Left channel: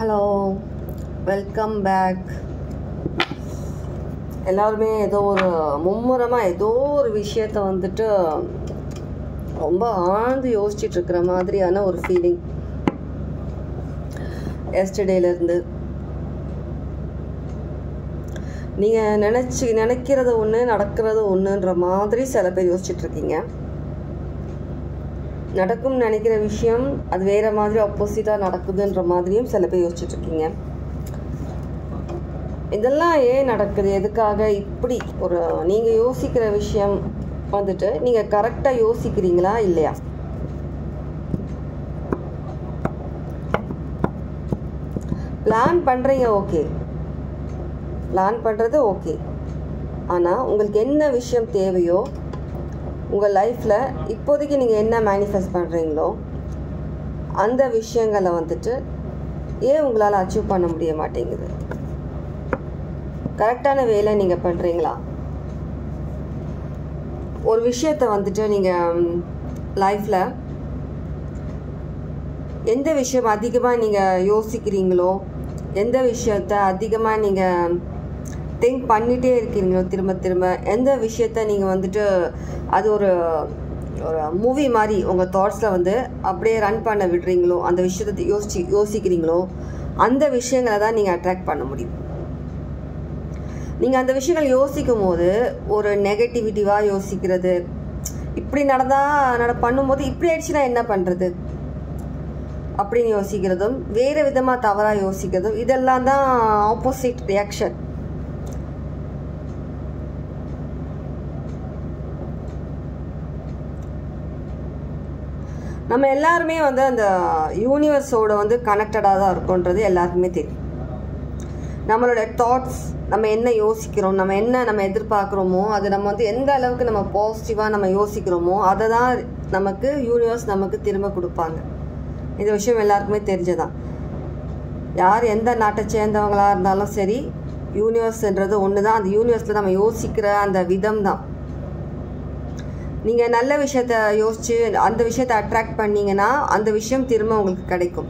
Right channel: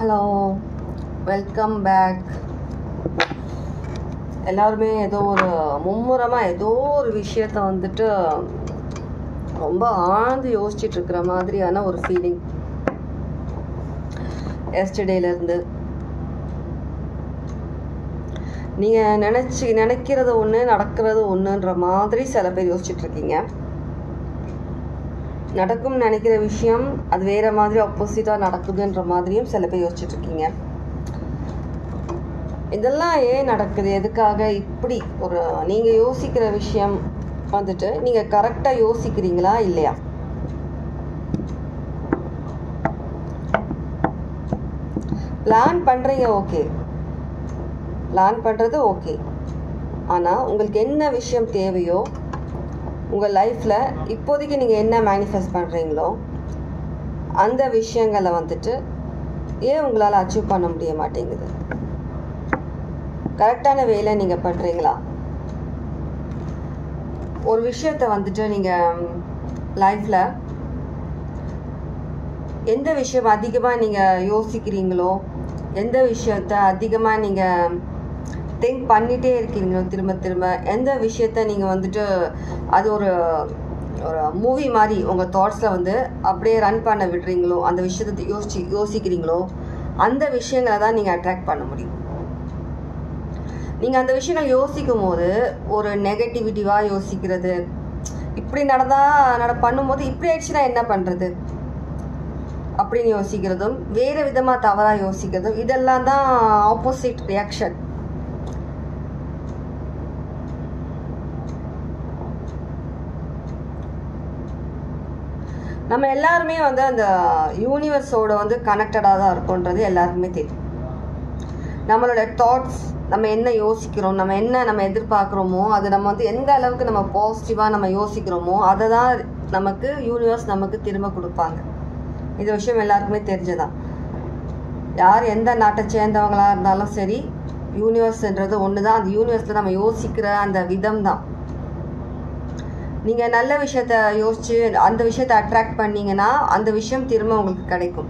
Hello, welcome back. எல்லாருமே ஏதோ ஒரு மும்முரமாக ஏதோ ஒரு விஷயத்த வந்துட்டு ரொம்ப ஆழ்ந்து யோசிச்சுட்டு இருக்கிற மாதிரியான ஒரு ஃபீலிங் எஸ்டர்டேலேருந்து. நீங்கள் நினைக்கிறது ஒன்று, நடக்கிறது ஒன்றுன்ற மாதிரி சில பேர் யோசிச்சுட்ருக்கீங்க. நடக்கும்னு நினைக்கிற விஷயம் அது வேறு மாதிரி ஆப்போசிட்டாக நடக்குதுன்ற மாதிரியும் சில பேர் யோசிச்சுட்ருக்கீங்க. இதெல்லாம் ஏன் நடக்குது, எதுக்காக இப்படி ஒரு நீங்கள் யோசிக்கிற விஷயம் வந்துட்டு நீங்கள் கரெக்டாக யோசிக்கிறீங்களா இல்லையா? பிளான் பண்ணுறீங்க, ஓகே, பிளான் பண்ணுறது ஓகே. ஆனால் உங்களுக்கு என்ன விஷயம் தேவையோ உங்கள் லைஃப்பில் இப்போதைக்கு நீங்கள் என்ன மேனிஃபெஸ்ட் பண்ணுறீங்களோ அந்த விஷயங்களை வந்துட்டு ஏன் உங்களால் அச்சீவ் பண்ண முடிய மாட்டேங்குது? கரெக்டான வேலை நீங்கள் பண்ணுறீங்களா? ஒரு விஷயத்தை வந்துட்டு நீங்கள் லைஃப்பில் எந்த விஷயம் அதிகமாக நீங்கள் யோசிக்கிறீங்களோ, எந்த விஷயத்த அதிகமாக நீங்கள் திங்க் பண்ணிகிட்டே இருக்கீங்களோ திரும்ப திரும்ப, எந்த விஷயத்த நீங்கள் வந்துட்டு அது ஒரு மூவி மாதிரி உங்கள் தாட்ஸில் வந்து அப்படியே ரன் பண்ண விடுறீங்களோ, அந்த விஷயத்தை யோசிக்கிறீங்களோ அந்த விஷயங்களை தான் நீங்கள் அட்ராக்ட் பண்ண முடியும். நீங்கள் அந்த விஷயங்கள் யோசிக்கும் போது ஒரு நெகட்டிவிட்டிவாக யோசிக்கிறது, இப்படி பண்ணும்போது இப்படி ஆயிடுச்சுன்னா என்ன பண்ணுறது அப்படின்னு யோசிக்கிறதும், வேறு விதமாக தவறாக யோசிக்கிறதும், இதெல்லாம் தான் ஆப்போசிட் ரியாக்ஷன். நம்ம எல்லாருமே வந்து அந்த யூனிவர்ஸோட வந்து கனெக்டடாக தான் இருக்கோன்றது எல்லாருக்குமே தெரியும். நம்மளோட தாட்ஸ், நம்ம என்ன யோசிக்கிறோம், நம்ம எதிர்பார்க்குறோமோ அது நம்ம வந்து எந்த அளவுக்கு நம்ம பாசிட்டிவாக நம்ம யோசிக்கிறோமோ அதை தான் நமக்கு யூனிவர்ஸ் நமக்கு திரும்ப கொடுப்பாங்க. இந்த விஷயம் எல்லாருக்குமே தெரிஞ்சதான். யார் எந்த நாட்டை சேர்ந்தவங்களாக இருந்தாலும் சரி, யூனிவர்ஸ்ன்றது ஒன்று தான். அந்த யூனிவர்ஸில் நம்ம யோசிக்கிற அந்த விதம் தான். நீங்கள் நல்ல விஷயத்த யோசித்து அந்த விஷயத்தை அட்ராக்ட் பண்ணிங்கன்னா அந்த விஷயம் திரும்ப உங்களுக்கு கிடைக்கும்.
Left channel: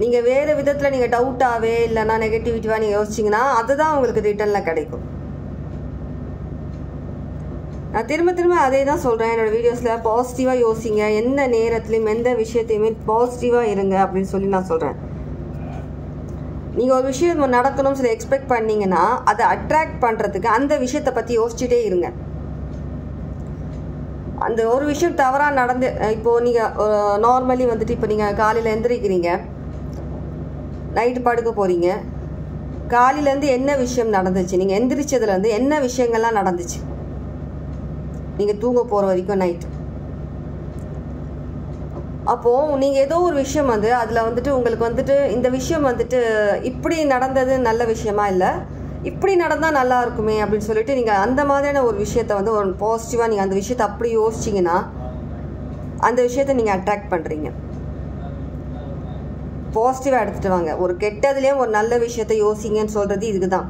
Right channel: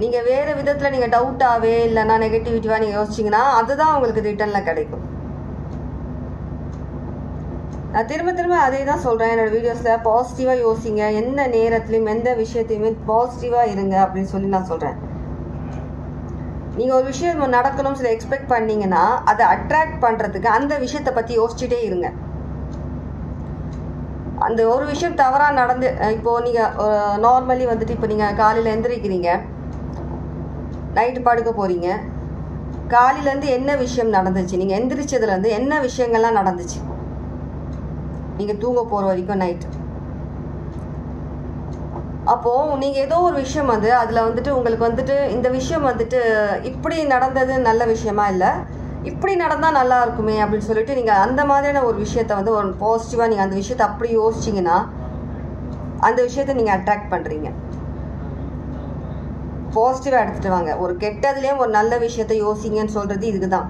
நீங்கள் வேறு விதத்தில் நீங்கள் டவுட்டாகவே இல்லைன்னா நெகட்டிவிட்டிவாக நீங்கள் யோசிச்சிங்கன்னா அதுதான் உங்களுக்கு ரிட்டர்னில் கிடைக்கும். நான் திரும்ப அதே தான் சொல்கிறேன் என்னோடய வீடியோஸில். பாசிட்டிவாக யோசிங்க, எந்த நேரத்துலையும் எந்த விஷயத்தையுமே பாசிட்டிவாக இருங்க அப்படின்னு சொல்லி நான் சொல்கிறேன். நீங்கள் ஒரு விஷயம் நடக்கணும்னு சொல்லி எக்ஸ்பெக்ட் பண்ணிங்கன்னா அதை அட்ராக்ட் பண்ணுறதுக்கு அந்த விஷயத்தை பற்றி யோசிச்சுட்டே இருங்க. அந்த ஒரு விஷயம் தவறாக நடந்து, இப்போது நீங்கள் நார்மலி வந்துட்டு இப்போ நீங்கள் காலையில் எந்திரிக்கிறீங்க, நைட்டு படுக்க போகிறீங்க, காலையிலேருந்து என்ன விஷயம் நடந்துச்சு, நீங்கள் எந்திரிச்சதுலேருந்து என்ன விஷயங்கள்லாம் நடந்துச்சு நீங்கள் தூங்க போகிற வரைக்கும் நைட்டு. அப்போது நீங்கள் ஏதோ ஒரு விஷயம் வந்து அதில் வந்துட்டு உங்களுக்கு வந்துட்டு இந்த விஷயம் வந்துட்டு இப்படி நடந்தது நல்ல விஷயமா இல்லை, இப்படி நடந்தால் நல்லா இருக்குமே அப்படின்னு சொல்லிட்டு நீங்கள் அந்த மாதிரியான ஒரு விஷயத்த வந்து ஒரு பாசிட்டிவாக நீங்கள் அந்த விஷயத்தை அப்படி யோசிச்சிங்கன்னா அந்த விஷயத்த நீங்கள் அட்ராக்ட் பண்ணுறீங்க. பாசிட்டிவாக எடுத்துகிட்டு வாங்க. ஒரு கெட்டதுலேயும் ஒரு நல்ல விஷயத்த யோசிங்கன்னு சொல்கிறது இதுக்கு தான்.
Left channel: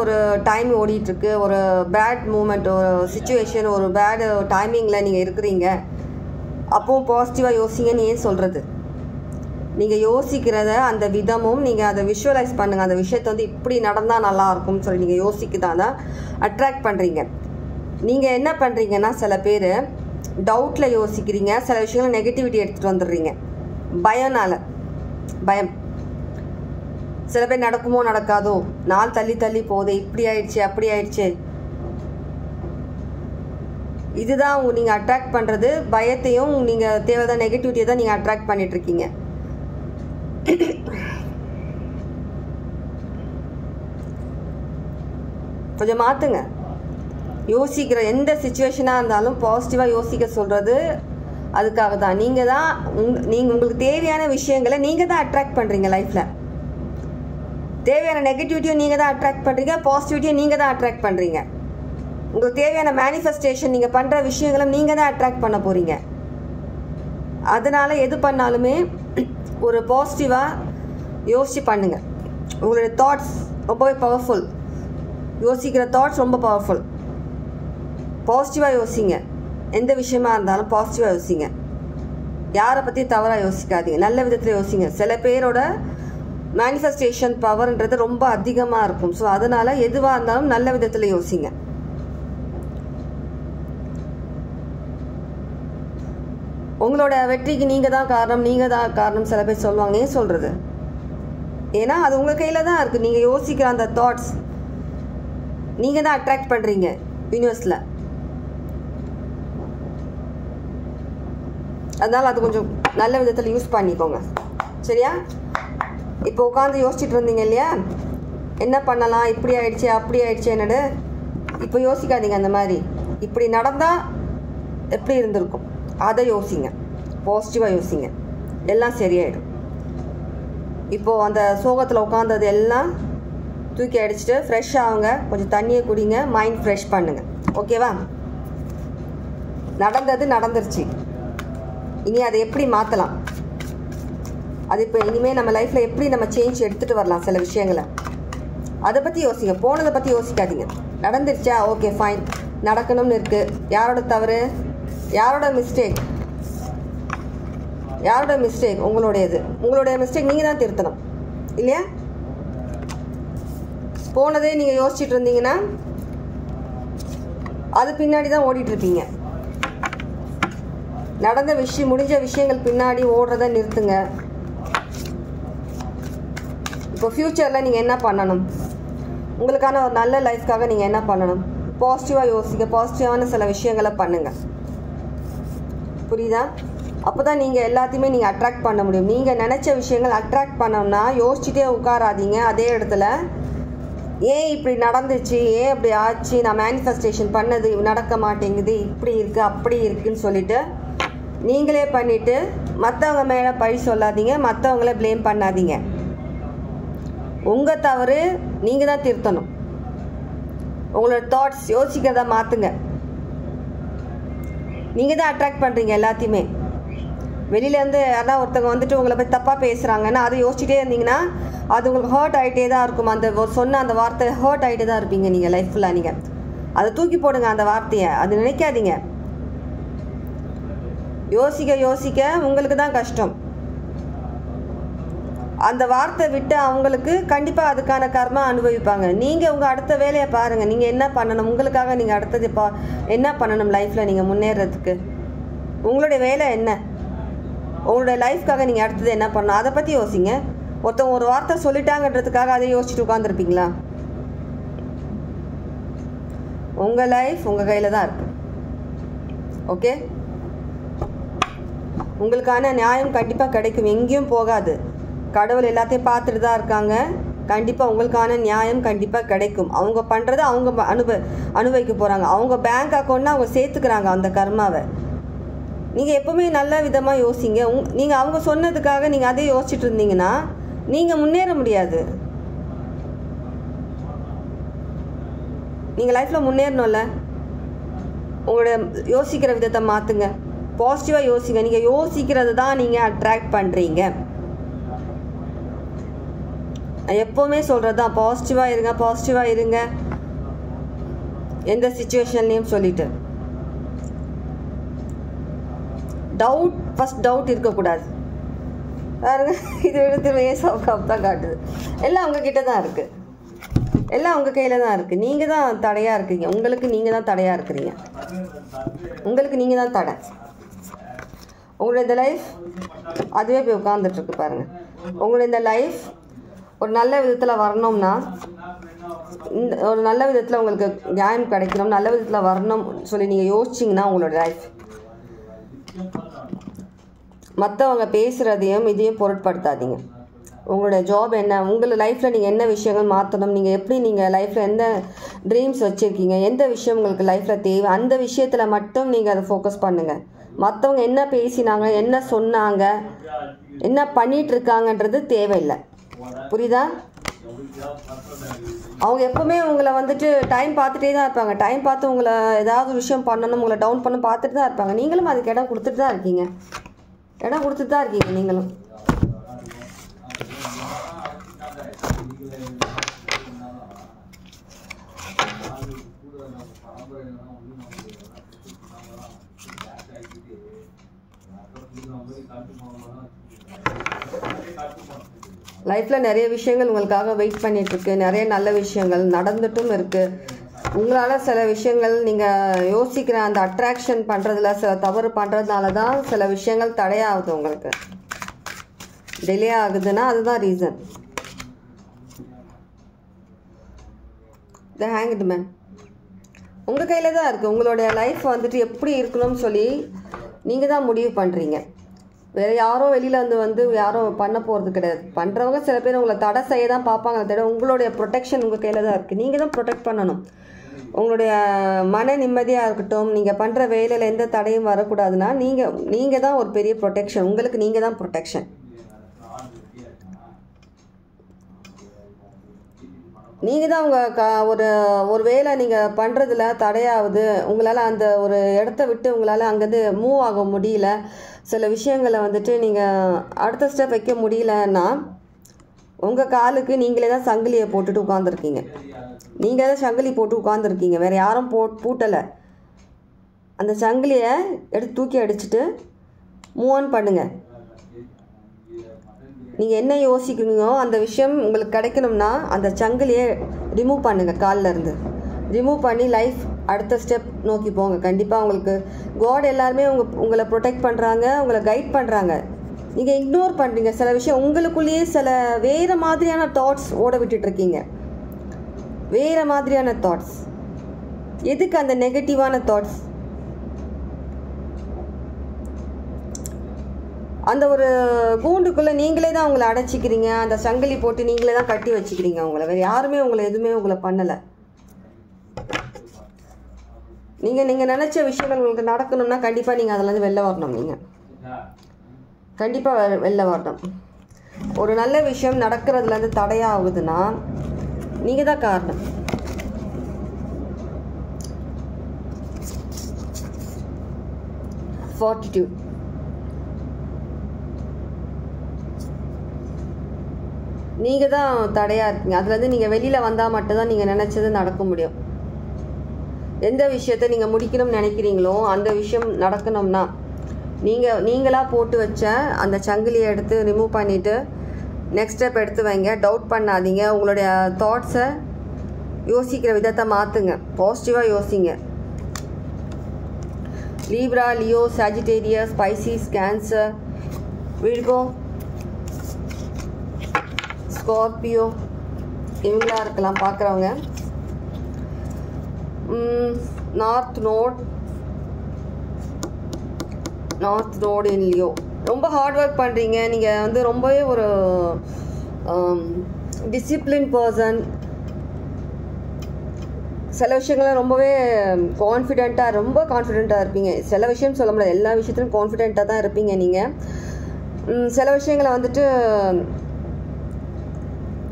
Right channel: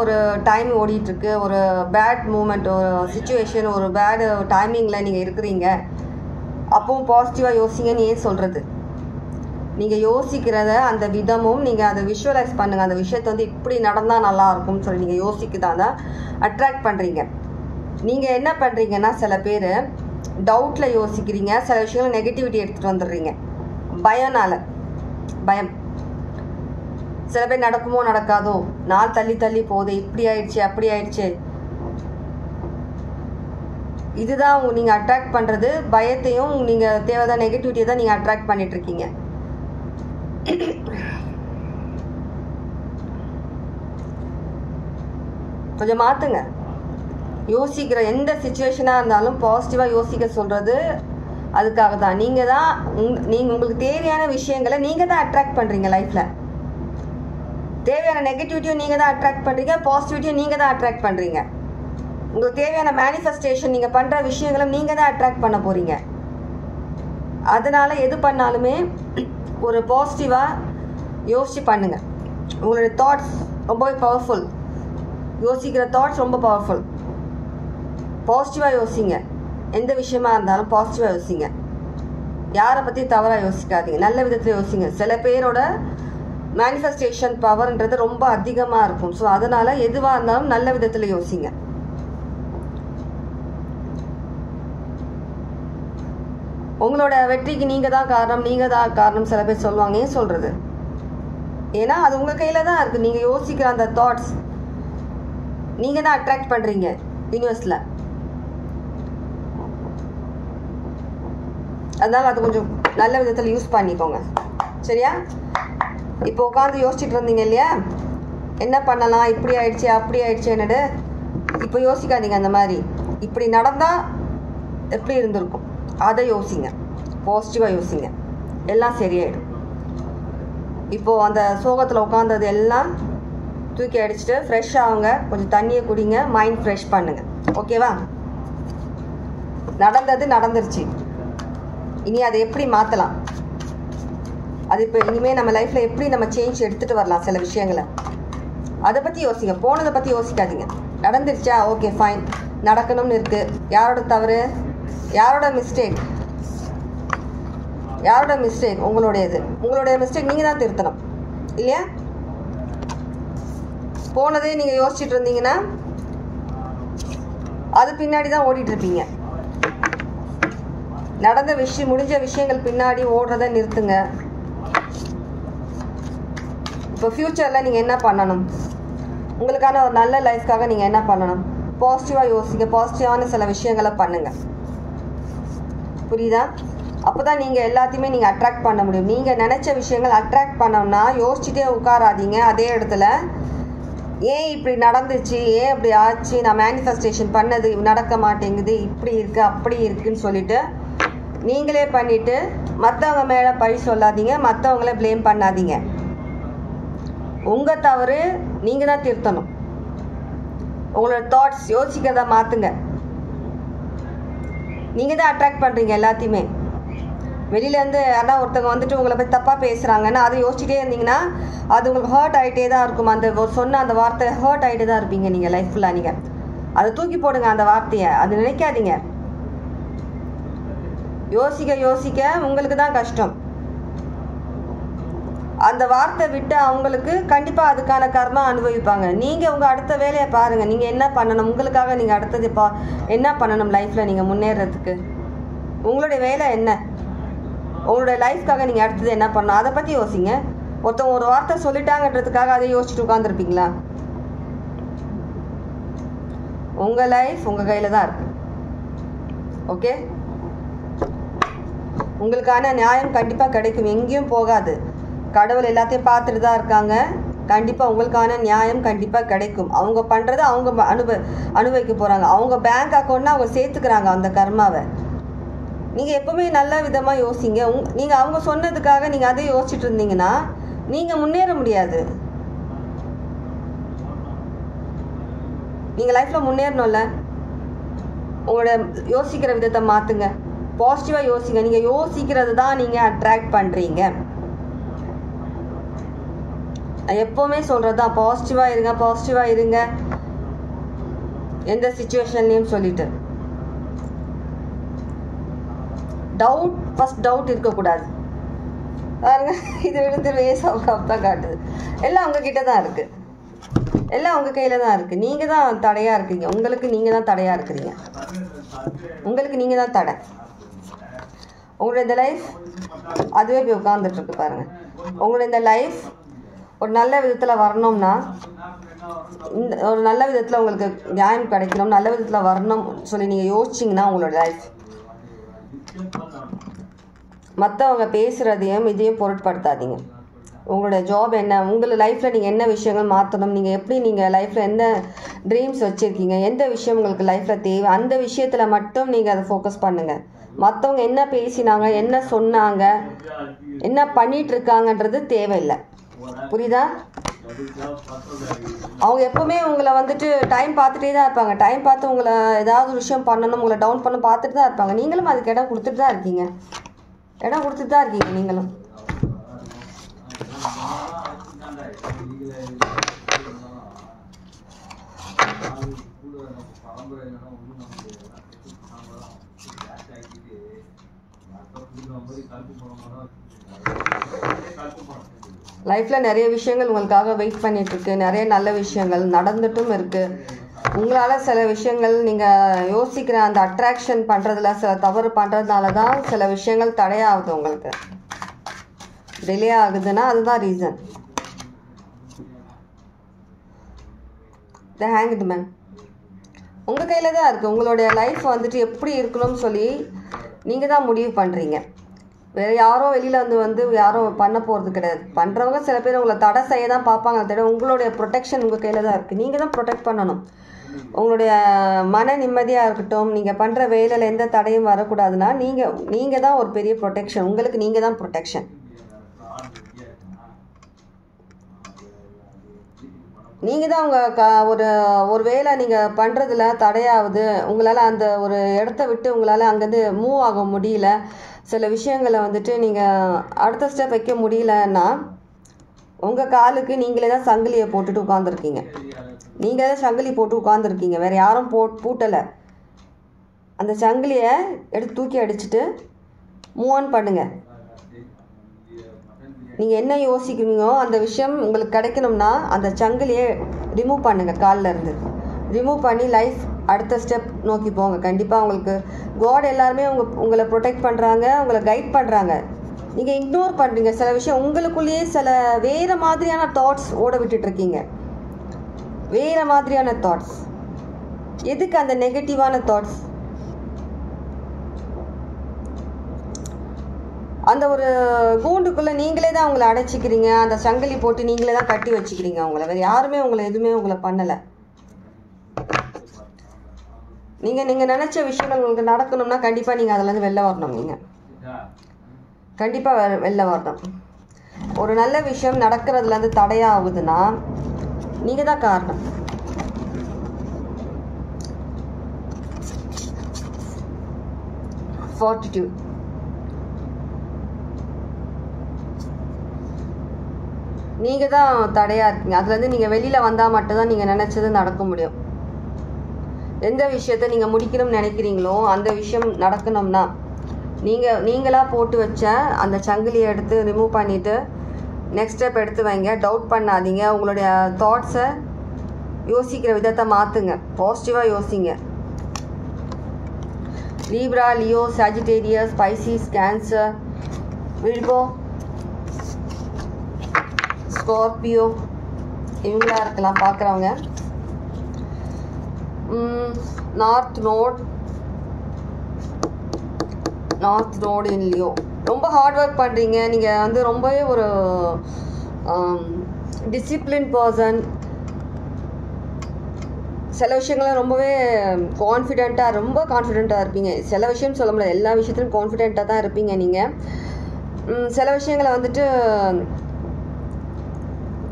ஒரு டைம் ஓடிட்டுருக்கு, ஒரு பேட் மூமெண்ட், ஒரு சுச்சுவேஷன், ஒரு பேட் டைமிங்கில் நீங்கள் இருக்கிறீங்க, அப்பவும் பாசிட்டிவாக யோசிங்கன்னு ஏன் சொல்கிறது? நீங்கள் யோசிக்கிறத அந்த விதமும் நீங்கள் அதை விஷுவலைஸ் பண்ணுங்கள். அந்த விஷயத்தை வந்து இப்படி நடந்தால் நல்லாயிருக்கும்னு சொல்லி நீங்கள் யோசிக்கதான் அட்ராக்ட் பண்ணுறீங்க. நீங்கள் என்ன பண்ணுறீங்கன்னா சில பேர் டவுட்டில் யோசிக்கிறீங்க, சில விஷயங்கள் நெகட்டிவிட்டி எடுத்துகிட்டு வந்துடுறீங்க பயம். சில பேர் நடக்குமோ நடக்காதோ, நாள் தள்ளி போதே, இப்படி ஆயிடுச்சு அப்படி ஆயிடுச்சு, இதுதான் நீங்கள் அட்ராக்ட் பண்ணுறது. பயத்தையும் நீங்கள் தேவையான நெகட்டிவிட்டியை தான் நீங்கள் அட்ராக்ட் பண்ணிகிட்ருக்கீங்க. கொஞ்சம் மாற்றுங்க. யோசிக்கிற எந்த சிச்சுவேஷனாக இருந்தாலும் பாசிட்டிவாக யோசிக்க சொல்கிறது அதுக்காக தான். நீங்கள் உங்களுக்கு தேவையான விஷயங்களை நீங்கள் தான் அட்ராக்ட் பண்ணுறீங்க. லைஃப்பில் தேவையான நெகட்டிவிட்டியும் நீங்கள் தான் அட்ராக்ட் பண்ணுறீங்க, பாசிட்டிவிட்டியும் நீங்கள் தான் அட்ராக்ட் பண்ணுறீங்க. உங்களுக்கு தேவையான மேனிஃபெஸ்டேஷன் நீங்கள் பண்ணுற விஷயங்களை நீங்கள் தான் அட்ராக்ட் பண்ண போகிறீங்க. அதனால் எது பண்ணாலுமே ஒரு பாசிட்டிவாக யோசிச்சு பண்ணுங்கள். உங்களுடைய தாட்ஸ் ரொம்பவே பவர்ஃபுல். யோசிக்கிற தாட்ஸ் ரொம்ப பவர்ஃபுல். பாசிட்டிவாக யோசிங்க. எந்த விஷயமா இருந்தாலும் பாசிட்டிவாக யோசிங்க. யாரை பற்றி தவறாக யோசிக்காதீங்க, நல்ல விதத்தில் யோசிங்க. சில பேரோட மேனிஃபெஸ்டேஷன் பவர்ன்றது ரொம்ப அதிகமாக இருக்கும். ஸோ அதனால் எதுவாக இருந்தாலும் நல்ல விதத்தில் யோசிங்க. உங்களோட வெற்றிக்கு நீங்கள் தான் காரணம், நீங்கள் தான் காரணம் சில பேர் சொல்லுவாங்க. ஏன் சொல்கிறது? ஏன்னா அது உங்கள் கையில் தான் இருக்குது. நீங்கள் யோசிக்கிற அந்த தாட்ஸ் நீங்கள் தான் அட்ராக்ட் பண்ணுறீங்க யூனிவர்ஸில். அதனால் அது கொஞ்சம் நல்ல விதத்தில் யூஸ் பண்ணிக்கோங்க, சரியா? இப்போ உட்காந்து யோசிச்சுட்டு இருந்தீங்க இல்லையா, என்ன பண்ணலாம், இப்படி ஆயிடுச்சு அப்படி ஆயிடுச்சு என்னடு. இப்போ யோசிக்காதீங்க அந்த மாதிரி. இப்படி நடந்தால் எப்படி இருந்திருக்கும் அதை யோசிங்க, பாசிட்டிவாக யோசிங்க, எல்லாம் சரியாயிடும். இப்போது அந்த சோகத்தில் உட்காந்தது எல்லாம் தூக்கி அடிச்சுட்டு ஃப்ரெஷ் ஆகுங்க, கொஞ்சம் தண்ணியை குடிங்க, மைண்ட் ஃப்ரெஷ் பண்ணுங்கள், ஓகேவா? நடந்தது நடந்துருச்சு, இனி அதை எப்படி மாற்றலாம், அது இப்போ இனிமேல் நம்ம லைஃப்பில் எப்படி நம்ம சேஞ்ச் எடுத்துகிட்டு வரலாம் சில விஷயங்களை, அதை பற்றி யோசிங்க. போனதை பற்றி யோசிக்காதீங்க. நடந்துருச்சா, ஓகே ஃபைன், நடக்கணும்னு இருக்குது. யாரோட தவறு, யாரோட மிஸ்டேக், யாரோட மிஸ்டேக்? உங்களுடைய மிஸ்டேக் நீங்கள் தான் திருத்தணும் இல்லையா? போனதே நீங்கள் யோசிச்சுட்டு இருந்தீங்கன்னா அது பின்னாடி தான் ஓடிட்டு இருப்பீங்க. நடந்த விஷயம், முடிஞ்ச விஷயங்கள் பின்னாடி ஓடுறத நிறுத்துங்க. இப்போ ஃப்யூச்சரில் நீங்கள் என்ன பண்ணணும், உங்களுக்கான ஒரு நல்ல லைஃப்காக நீங்கள் என்ன பண்ணணும்? பாசிட்டிவாக யோசிக்க, பாசிட்டிவான சில விஷயங்களை பண்ணுங்கள், புரியுதா? அப்போ தான் நீங்கள் எல்லாத்தையுமே நீங்கள் அட்ராக்ட் பண்ண முடியும். நீங்கள் நினச்ச விஷயங்கள் அட்ராக்ட் பண்ணோம்னா யோசிச்சுட்டே உட்காராதீங்க அதே இடத்துல. ஏன் இப்படி நடந்துச்சு, ஏன் இப்படி ஆச்சு, நான் மேனிஃபெஸ்டேஷன் பண்ணது நடக்க மாட்டேங்குது, இப்படி இருக்குது அப்படி இருக்குன்னு சொல்லிட்டு நீங்களே பண்ணிவிட்டு மற்றவங்க மேலே பழி சொல்லாதீங்க, மற்றவங்கள ப்ளேம் பண்ணாதீங்க. உங்கள் தவறு நீங்கள் தான் திருத்தணும். உங்களோட தாட்ஸ், யோசிக்கிறத மாற்றுங்க. நீங்கள் தான் அட்ராக்ட் பண்ணுறீங்க எல்லாத்தையுமே. வெளியிலேருந்து யாரா ஒருத்தவங்க வந்துட்டு உங்களை போய் தப்பாக பேசுகிறாங்கன்னா அதை யோசிச்சுட்டே இருந்தீங்கன்னா அது உங்களுக்கு ஹர்ட் ஆகிட்டே தான் இருக்கும். அந்த சொன்ன அந்த வார்த்தை ஹர்ட் ஆகிட்டே தான் இருப்பீங்க நீங்கள் லைஃப் ஃபுல்லாக. நீங்கள் அதை தூக்கி போடுங்க அந்த வார்த்தையை, அது நினைக்காதீங்க. யோசிக்க யோசிக்க உங்களுக்கு தான் கஷ்டம். அந்த வார்த்தை விட்டு அவங்களுக்கு கண்டிப்பாக அதுக்கான கர்மா அனுபவிப்பாங்க. நீங்கள் உங்கள் அடுத்த வேலையை பாருங்கள், நீங்கள் என்ன பண்ணணும், உங்களுக்காக நீங்கள் அடுத்தது என்ன பண்ணணும் லைஃப்பில் நீங்கள் முன்னேறதுக்கு. உங்களுடைய வேலை என்ன, உங்களுடைய லைஃப்காக நீங்கள் அடுத்தது என்ன பண்ணணும் அதை பற்றி யோசிங்க. ஒருத்தவங்க ஒரு வார்த்தை சொல்லிட்டாங்கன்றதுக்காக அதை யோசிச்சுட்டு உட்காந்துருப்பீங்களா? உங்கள் லைஃப் உங்கள் கையில் தான் இருக்கு, ஓகே? உங்களுக்கான நியாயம் கண்டிப்பாக கிடைக்கும், எங்கேயும் போகாது. கடவுள் எல்லாத்தையும் பார்த்துட்டு தான் இருக்காங்க. கண்டிப்பாக உங்களுக்கான நியாயம் கண்டிப்பாக கிடைக்கும். அவங்க பண்ணுறதை அவங்க அனுபவிக்க போகிறாங்க. அவங்க பேங்க் அக்கௌண்ட்னா அவங்க சேர்த்துக்கிறாங்க அந்த கர்மாவை. நீங்கள் எப்போவுமே நல்ல விதமாக யோசிங்க. நீங்கள் அவங்க சொன்னதுக்காக நீங்கள் அதே யோசிச்சுட்டு இருந்தீங்கன்னா நீங்கள் முன்னேற முடியாது. நீங்கள் லைஃப்பில் முன்னேறணும்ல, உங்களோட யோசிக்கிற விதத்தை மாற்றுங்க, பாசிட்டிவாக யோசிங்க. நீங்கள் யோசிக்கிறது தான் நீங்கள் அட்ராக்ட் பண்ணுறீங்க. நான் எப்போவுமே சொல்கிறது தான், பாசிட்டிவாக இருங்க, பாசிட்டிவாக இருங்க எந்த சிச்சுவேஷன்லேயும் சொல்லிட்டு. டவுட், ஃபஸ்ட் டவுட் இருக்கக்கூடாது. பாருங்க, இது விடுத்து வேஸ்ட் தான் காட்டுது. எல்லாம் உங்ககிட்ட தான் இருக்குது, எல்லாம் உங்கள் கையில் தான் இருக்குது. நீங்கள் தான் தடையாக இருக்கீங்க. உங்களுக்கு நீங்கள் தான் தடையாக இருக்கிறீங்க. உங்களுக்கு நீங்கள் தான் தடை. உங்களுடைய இந்த லைஃப் அதுவே போய் உட்காந்துட்ருக்கு பாருங்கள். உங்களுடைய இந்த லைஃப் ஒரு நல்ல விதத்தில் வரணும்னா, இந்த ஒரு நல்ல விதத்தில் உங்களுக்கு நியாயம் கிடைக்கணும், நல்ல விதத்தில் வரணும் சொல்லி நீங்கள் யோசிச்சிங்கன்னா உங்களோட லைஃப் மற்றவங்க பேசுகிறதையும் இதையும் பொருட்படுத்தாதீங்க. உங்களுடைய ஜாப் என்ன, உங்களோட லைஃப்பில் நீங்கள் என்ன விஷயங்கள் மாற்றணும், நீங்கள் எப்படி நீங்கள் லைஃப்பில் என்ன ட்ரீம்ஸ் வச்சுருக்கீங்க, எந்த விஷயம் உங்களுக்கு லைஃப்பில் தேவை, அந்த விஷயத்தில் மட்டும் நீங்கள் அதை ஃபோக்கஸ் பண்ணுங்கள். மற்றவங்க என்ன பேசினாங்க, என்ன சொன்னாங்க, என்ன பண்ணிகிட்ருக்காங்கன்றது தேவையில்லை, புரியுதா? அவங்க எப்பவுமே உங்களை வந்துட்டு டைம் பார்த்துட்டே தான் இருப்பாங்க. டைம் பார்த்து உங்களை ஏதாவது விஷயம் பண்ணணும், உங்களை டவுன் பண்ண பார்த்துட்டு தான் இருப்பாங்க. நீங்களும் அதுக்கு இடம் கொடுத்துட்டு தான் இருக்கீங்க, இடம் கொடுத்துட்டு தான் இருக்கீங்க நீங்களும். லைஃப்பில் நிறைய விஷயங்கள் உங்களுக்காக வெயிட் பண்ணிகிட்ருக்கு, நிறைய நல்ல விஷயங்கள் நடந்துட்டும் இருக்குது. உங்களால் சில விஷயங்கள் நீங்கள் யோசிக்கிற அந்த அட்ராக்ஷன் பண்ணுறதுல சில தவறு பண்ணுறதுனால தான் சில விஷயங்கள் தடையாகுது, உங்களுக்கு டிலே ஆகுதுன்னா அதுதான் ரீசன். த ஹேங்க்டு மேன் உங்கள் கையில் தான் இருக்குது. உங்களுடைய லைஃப் வந்துட்டு எப்படி இருக்கணும்னு சொல்லி நீங்கள் தான் முடிவு பண்ணுறீங்க. வேறு யாரோ வெளியில் வந்து யாரும் பண்ண போகிறது கிடையாது. பண்ணுறவங்க சில பேர் உங்களை தடை செய்ய தான் பார்ப்பாங்க, தடவை உங்களுடைய ப்ரொடெக்ஷன் உங்கள் கையில் தான் இருக்குது. நீங்கள் தான் ப்ரொடெக்ட் பண்ணணும். உங்களுடைய மன நிம்மதியாக இருக்கட்டும், நீங்கள் பண்ணுற வேலையில் எந்த தடையும் வரக்கூடாதுன்னா நீங்கள் தான் ஒரு பெரிய ப்ரொடெக்ஷன். உங்களுக்கு நீங்கள் தான் ப்ரொடெக்ஷன். நீங்கள் தான் ஒரு வேலை நீங்கள் பண்ணுறதுல தடையாகுது, உங்களால் அந்த ஒரு இடத்த விட்டு உங்களால் அங்கேருந்து மூவ் ஆக முடியல, சில விஷயங்களை வந்துட்டு நீங்கள் அடுத்த ஸ்டெப் வைக்க முடியலன்னா உங்கள் காலுக்கு நீங்களே தான் சங்கிலியை போட்டுட்டு உட்காந்துருக்கீங்க. நீங்களே தான் சங்கிலி போட்டு உட்காந்துருக்கீங்க, வேறு யாரும் பூட்டலை. அந்த சங்கிலியை எடுத்து தூக்கி அடிச்சுட்டு மூவ் ஆன் பண்ணுங்கள். நீங்கள் என்ன யோசிக்கிறீங்களோ அந்த விஷயம் உங்களுக்கு கிடைக்கணும்னா அந்த சங்கிலியை ரிமூவ் பண்ணுங்கள், காலில் இருந்து ரிமூவ் பண்ணி லைஃப் அடுத்த ஸ்டெப் நோக்கி போங்க. கண்டிப்பாக உங்களுக்கு காட் எல்லாருமே உங்களை ப்ரொடெக்ட் பண்ணுறாங்க, உங்களை கைட் பண்ணுறாங்க. நீங்கள் இக்னோர் பண்ணுறீங்க சில விஷயம். உங்களுக்குள்ளேயே சில வேறு மாதிரியான தாட்ஸ் ஓட விட்டுட்ருக்கீங்க, வேறு மாதிரியான தாட்ஸ். எதுக்கு அந்த நெகட்டிவான தாட்ஸ்? அந்த ஒரு கூண்டுக்குள்ளே நீங்களே தான் உங்களை அடைச்சிக்கிறீங்க, அந்த சங்கிலி போட்டு நீங்களே தான் கட்டி வச்சுக்கிறீங்க உங்களை. வேறு யாருமே எதுவுமே உங்களை பண்ணலை. நீங்கள் நினச்ச விஷயங்கள் உங்களுக்கு நடக்கணும்னா கண்டிப்பாக நீங்கள் அதிலேருந்து வெளில வரணும். நீங்கள் கண்டிப்பாக வெளில வரணும். ஒரு நல்ல விஷயம் நடக்கிறதுலேருந்து தடையாகுதுன்னா நீங்கள் தான் காரணம். ஃபார்ட்டிடியூட். நீங்கள் தான் தடையாக இருக்கீங்க. அதுலேருந்து நீங்கள் வெளியில் வந்தால் மட்டும்தான் நீங்கள் நினச்சது நடக்க முடியும். எந்த விஷயத்தை நீங்கள் முடிக்கணும்னு நினைக்கிறீங்களோ அந்த விஷயம் நடக்கணும்னா நீங்களாக போட்டு வச்ச அந்த சங்கிலியை எடுத்து ரிமூவ் பண்ணிவிட்டு நெக்ஸ்ட் ஸ்டெப் எடுத்து வைங்க. டவுட் பண்ணாதீங்க. உங்களுடைய தாட்ஸை யோசிக்கிற விதத்தை மாற்றுங்க, பாசிட்டிவாக யோசிங்க. Libra, Leo, Sagittarius, Pisces, cancer, Virgo, Scorpio இவங்களா இருக்கலாம் பார்க்குறவங்க. நார்த் நோட் இன் லியோ. ரொம்ப ஹார்ட் ஒர்க் பண்ணுறீங்க. நீங்கள் ரொம்பவே ஒரு டிசிப்ளின் பர்சன். சில விஷயங்கள்லாம் ரொம்பவே ரொம்ப கான்ஃபிடெண்ட்டாக இருப்பீங்க. சில விஷயம் சொல்ல முடியாது, எல்லா விஷயத்துலையும் கான்ஃபிடெண்ட்டாக தான் இருப்பீங்க நீங்கள். சில விஷயங்களை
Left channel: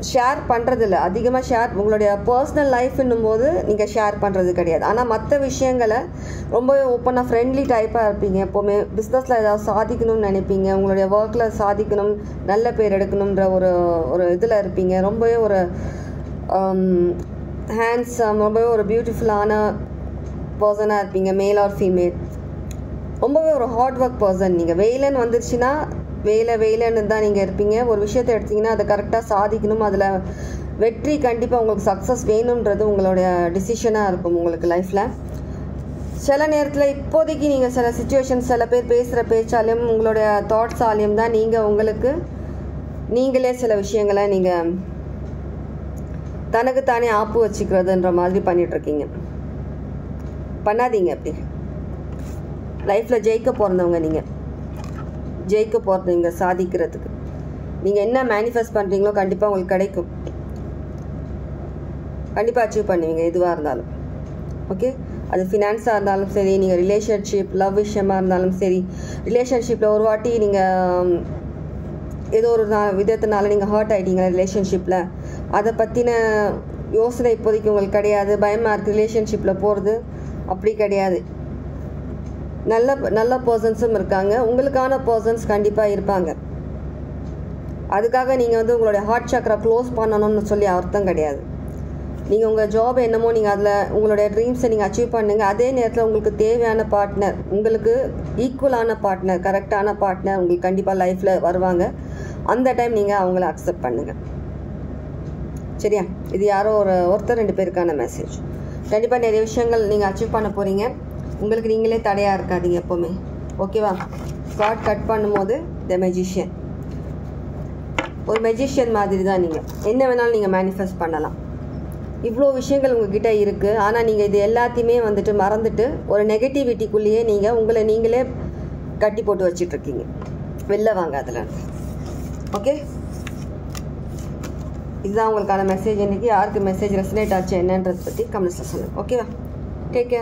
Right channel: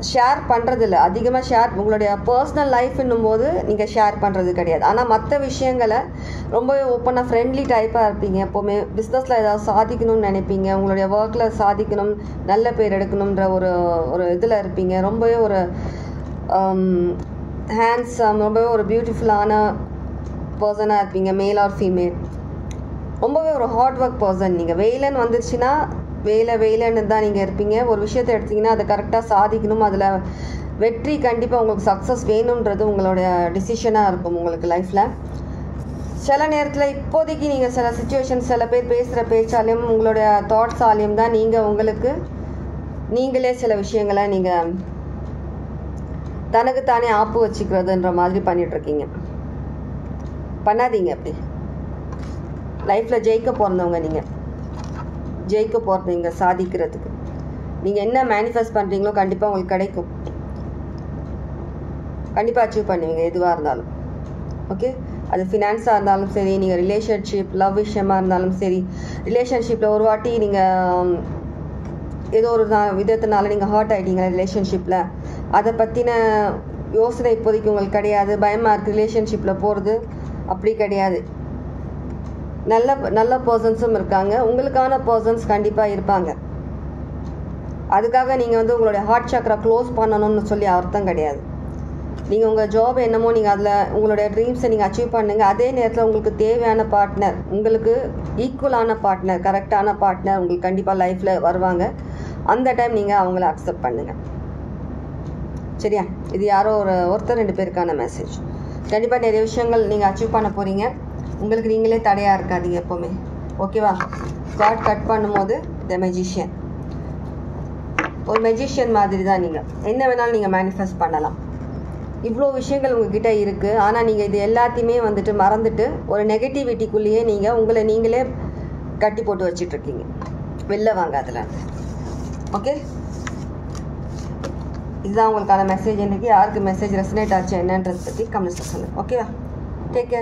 ஷேர் பண்ணுறதில்ல, அதிகமாக உங்களுடைய பர்சனல் லைஃப்னும் போது நீங்கள் ஷேர் பண்ணுறது கிடையாது. ஆனால் மற்ற விஷயங்களை ரொம்பவே ஓப்பனாக ஃப்ரெண்ட்லி டைப்பாக இருப்பீங்க. எப்போவுமே பிஸ்னஸில் ஏதாவது சாதிக்கணும்னு நினைப்பீங்க, உங்களுடைய ஒர்க்கில் சாதிக்கணும், நல்ல பேர் எடுக்கணுன்ற ஒரு இதில் இருப்பீங்க. ரொம்பவே ஒரு ஹேண்ட்ஸம், ரொம்பவே ஒரு பியூட்டிஃபுல்லான பர்சனாக இருப்பீங்க, மேல் ஆர் ஃபீமேல். ரொம்பவே ஒரு ஹார்ட் ஒர்க் பர்சன். நீங்கள் வேலைன்னு வந்துருச்சுன்னா வேலைன்னு தான் நீங்கள் இருப்பீங்க. ஒரு விஷயத்தை எடுத்திங்கன்னா அதை கரெக்டாக சாதிக்கணும், அதில் வெற்றி கண்டிப்பாக உங்களுக்கு சக்ஸஸ் வேணுன்றது உங்களுடைய டிசிஷனாக இருக்கும் உங்களுக்கு லைஃப்பில். சில நேரத்தில் இப்போதைக்கு நீங்கள் சில சுச்சுவேஷன்ஸ், சில பேர் பேசுகிற பேச்சாலையும் உங்களுடைய தாட்ஸாலையும் தான் நீங்களே சில விஷயங்களை நீங்கள் தனக்குத்தானே ஆப்பு வச்சுக்கிறதுன்ற மாதிரி பண்ணிகிட்ருக்கீங்க. பண்ணாதீங்க. அப்படி லைஃப்பில் ஜெயிக்க போகிறவங்க ஜெயிக்க போகிறீங்க. சாதிக்கிறதுக்கு நீங்கள் என்ன மேனிஃபெஸ்ட் பண்ணுறீங்களோ கண்டிப்பாக உங்களுக்கு கிடைக்கும். கண்டிப்பாக அச்சீவ் பண்ணுவீங்க எதுவாக இருந்தாலும். ஓகே, அது ஃபினான்ஸாக இருந்தாலும் சரி, நீங்கள் ரிலேஷன்ஷிப், லவ் விஷயமாக இருந்தாலும் சரி. ரிலேஷன்ஷிப்பில் ஒரு வாட்டி நீங்கள் ஏதோ ஒரு விதத்தினால நீங்கள் ஹர்ட் ஆகிட்டீங்களா ரிலேஷன்ஷிப்பில், அதை பற்றின யோசனை இப்போதைக்கு உங்களுக்கு கிடையாது, பயமாக இருக்குது ரிலேஷன்ஷிப்பில் போகிறது. அப்படி கிடையாது. நல்ல பர்சன்ஸும் இருக்காங்க, உங்களுக்கான பர்சன்ஸ் கண்டிப்பாக இருப்பாங்க. அதுக்காக நீங்கள் உங்களுடைய ஹார்ட் சக்கரை க்ளோஸ் பண்ணணும்னு சொல்லி அர்த்தம் கிடையாது. நீங்கள் உங்கள் ஜாப் என்னமோ நீங்கள் அதில் உங்களுடைய ட்ரீம்ஸை நீங்கள் அச்சீவ் பண்ணுங்கள். அதே நேரத்தில் உங்களுக்கு தேவையான பார்ட்னர், உங்களுக்கு ஈக்குவலான பார்ட்னர், கரெக்டான பார்ட்னர் உங்களுக்கு கண்டிப்பாக லைஃப்பில் வருவாங்க. அந்த டைம் நீங்கள் அவங்கள அக்செப்ட் பண்ணுங்கள். சரியா? இது யாரோ ஒருத்தர் 2 பேருக்கான மெசேஜ். கண்டிப்பாக நிறைய விஷயங்கள் நீங்கள் அச்சீவ் பண்ண போகிறீங்க. உங்களுக்கு நீங்களே தடையாக இருக்காதீங்க எப்போவுமே. ஓகேவா? கார்ட் கட் பண்ணும்போது த மெஜிஷியன், ஒரு மெஜிஷியன் மாதிரி தான். நீங்கள் என்ன வேணாலும் நீங்கள் மேனிஃபெஸ்ட் பண்ணலாம். இவ்வளோ விஷயங்கள் உங்ககிட்ட இருக்குது. ஆனால் நீங்கள் இது எல்லாத்தையுமே வந்துட்டு மறந்துட்டு ஒரு நெகட்டிவிட்டிக்குள்ளேயே நீங்கள் உங்களை நீங்களே கட்டி போட்டு வச்சிட்ருக்கீங்க. வெளில வாங்க அதில். ஓகே, இதுதான் உங்களுக்கான மெசேஜ். இன்றைக்கி யாருக்கு மெசேஜ் ரெசனேட் ஆச்சு என்னன்றதை பற்றி கமெண்ட்ஸில் சொல்லுங்கள். ஓகேவா? Take care.